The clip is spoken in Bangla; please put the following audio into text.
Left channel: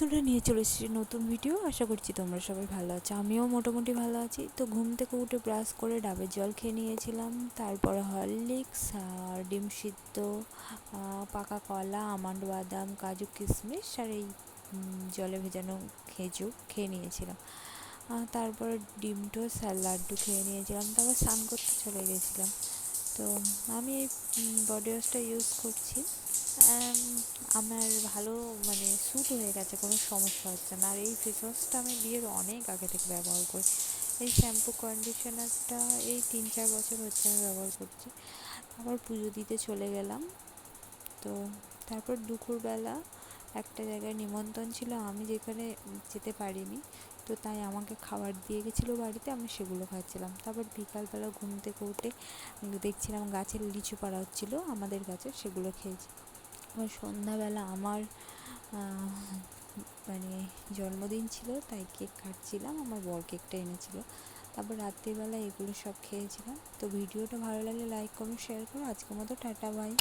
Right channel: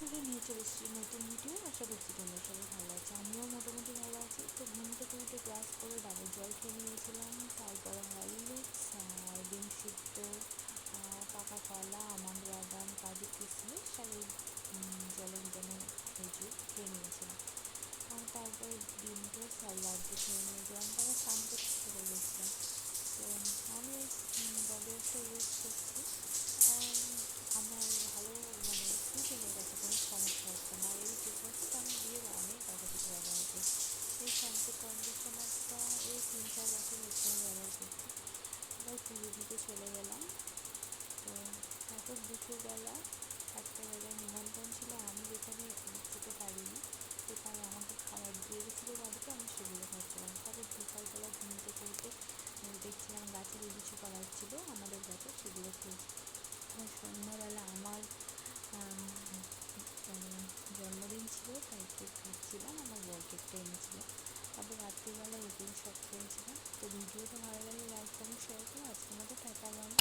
বন্ধুরা নিয়ে চলে এসেছি, নতুন ভিডিও আশা করছি তোমরা সবাই ভালো আছো। আমিও মোটামুটি ভালো আছি। তো ঘুম থেকে উঠে ব্রাশ করে ডাবের জল খেয়ে নিয়েছিলাম। তারপরে হরলিক্স আর ডিম সিদ্ধ পাকা কলা, আমন্ড বাদাম, কাজু কিশমিশ আর এই জলে ভেজানো খেজুর খেয়ে নিয়েছিলাম। তারপরে ডিম টোস্ট আর লাড্ডু খেয়ে নিয়েছিলাম। তারপর স্নান করতে চলে গেছিলাম। তো আমি এই বডি ওয়াশটা ইউজ করছি। আমার ভালো মানে স্যুট হয়ে গেছে, কোনো সমস্যা হচ্ছে না। আর এই ফেস ওয়াশটা আমি বিয়ের অনেক আগে থেকে ব্যবহার করি এই শ্যাম্পু কন্ডিশনারটা এই তিন চার বছর হচ্ছে আমি ব্যবহার করছি। আবার পুজো দিতে চলে গেলাম। তো তারপর দুপুরবেলা একটা জায়গায় নিমন্ত্রণ ছিল, আমি যেখানে যেতে পারিনি। তো তাই আমাকে খাবার দিয়ে গেছিল বাড়িতে, আমি সেগুলো খাচ্ছিলাম। তারপর বিকালবেলা ঘুম থেকে উঠে দেখছিলাম গাছের লিচু পাড়া হচ্ছিল আমাদের গাছে সেগুলো খেয়েছি। আবার সন্ধ্যাবেলা আমার মানে জন্মদিন ছিল, তাই কেক কাটছিলাম আমার বর কেকটা এনেছিল। তারপর রাত্রিবেলা এগুলো সব খেয়েছিলাম। তো ভিডিওটা ভালো লাগলে লাইক করো শেয়ার করো। আজকের মতো টাটা বাই